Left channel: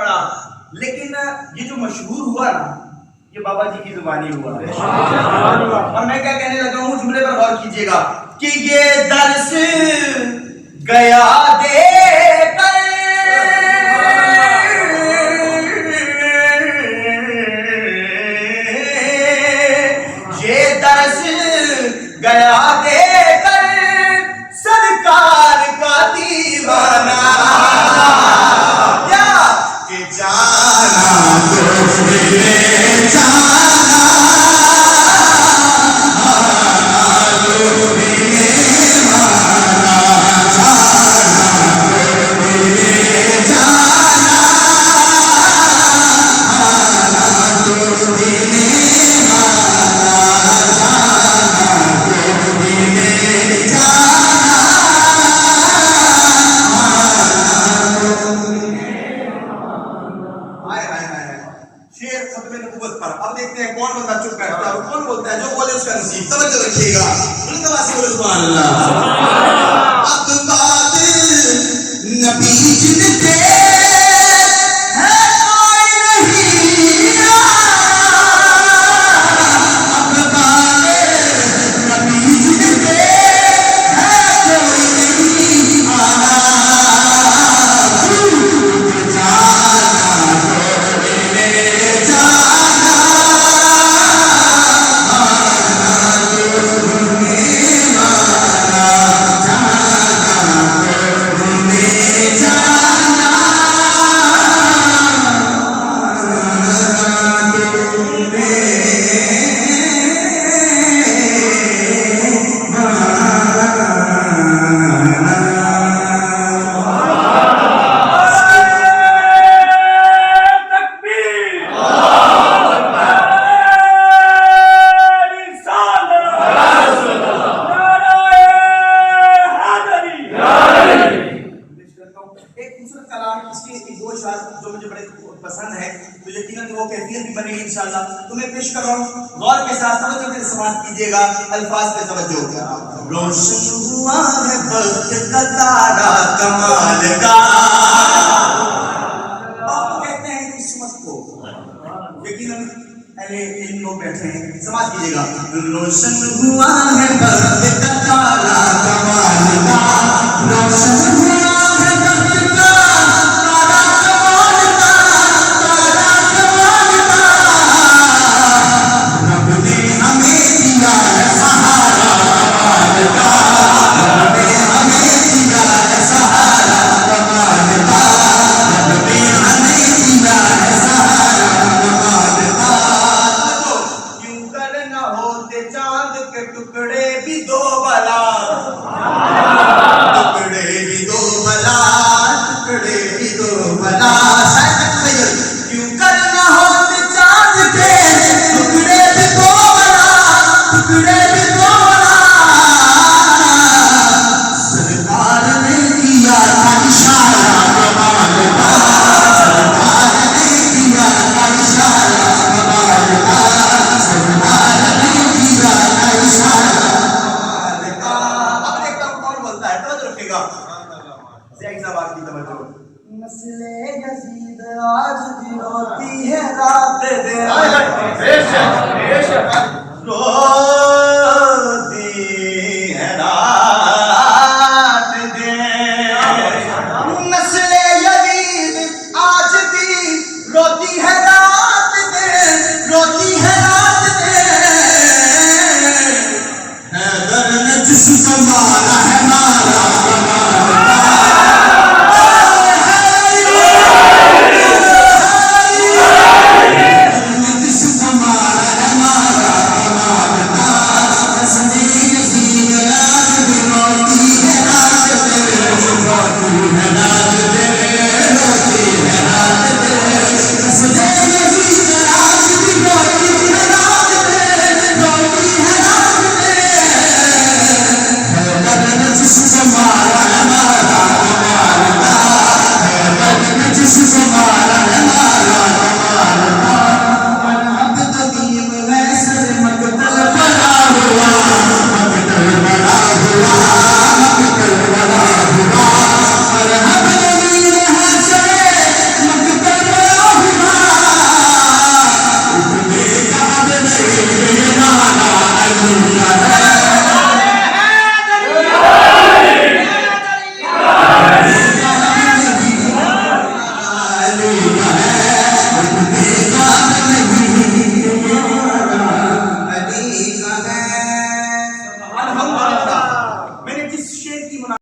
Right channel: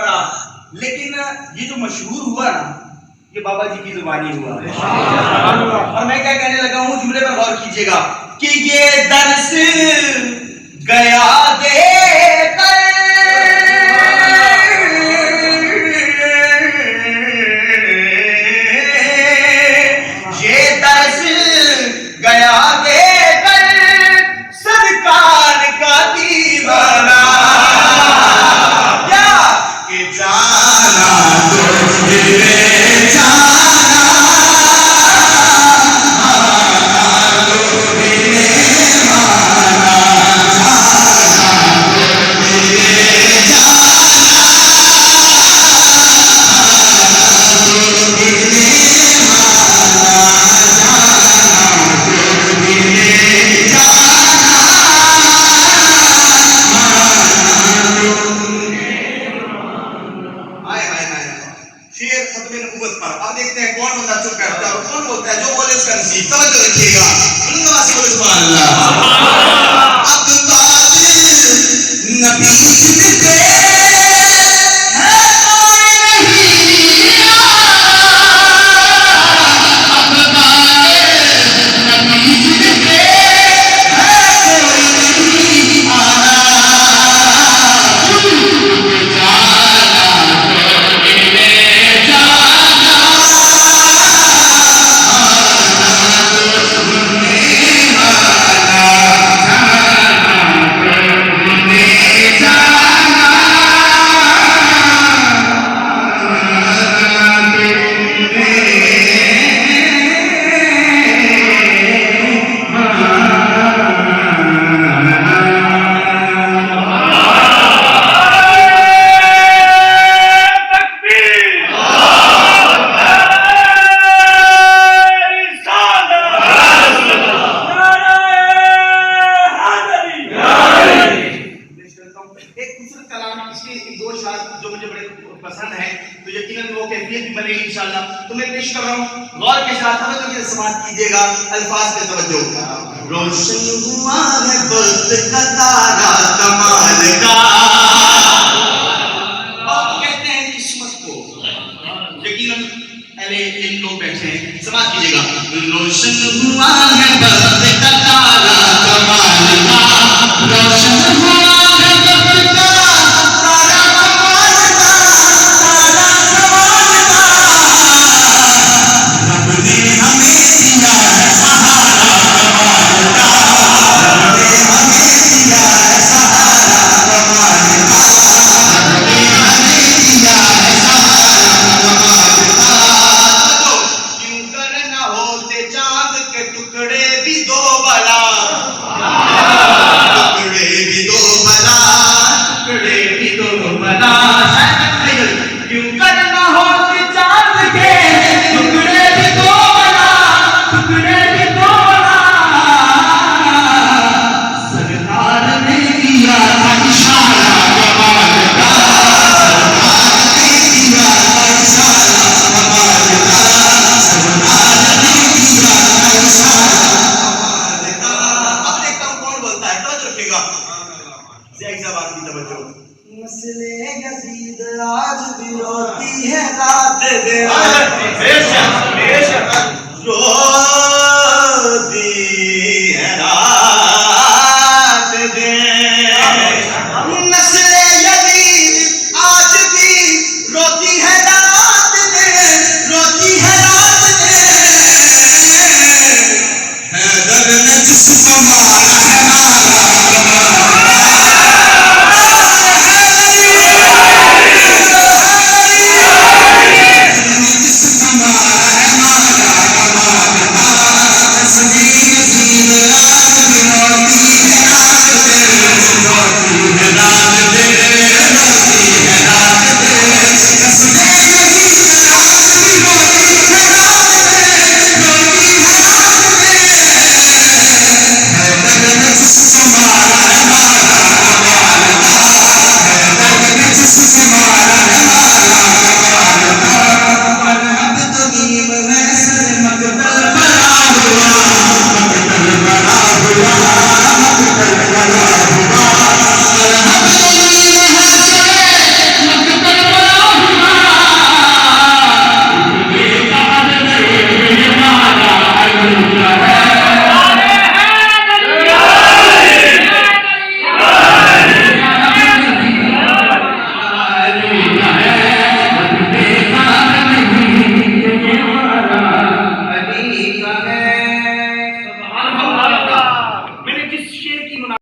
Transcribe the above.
पड़ा, लेकिन ये जो मशहूर हुआ ना, ये बाबा जी की जुबानी हुआ। और मैं क्या कहने लगा हूँ, जुमले पर गौर कीजिएगा कि ये दर्स गया देकर ये दर्स गया देकर सरकार का दीवाना क्या कि जाना अब देखते हैं कौन बंदा चुप बैठता है और कौन बोलता है, जो बोले उसका नसीब। तवज्जो रखिएगा, सुभान अल्लाह। अब बात नबी जिनके है कोई नहीं, अब बात नबी जिनके है कोई नहीं आना, जो मुझे बड़े पसंद है, तो यकीनन वो कैफियत भी बनेगी इंशाल्लाह। तो मैं पेश कर रहा हूँ, गौर के साथ तवज्जो के साथ कीजिएगा, अल्फाज पे तवज्जो। रोशन हुआ है वक्त का तारा कमाल का, आप कहते हैं किस्मत को, यकीनन पहले इन लोग बैठे हैं, समाज कीजिएगा। रोशन हुआ है वक्त का तारा कमाल का, रोशन हुआ है वक्त का नस्ले यजीद आज भी रोती है रात दिन, रोती है रात दिन। नस्ले यजीद आज भी रोती है रात दिन, रोती है रात दिन। हैदर ने जिस्म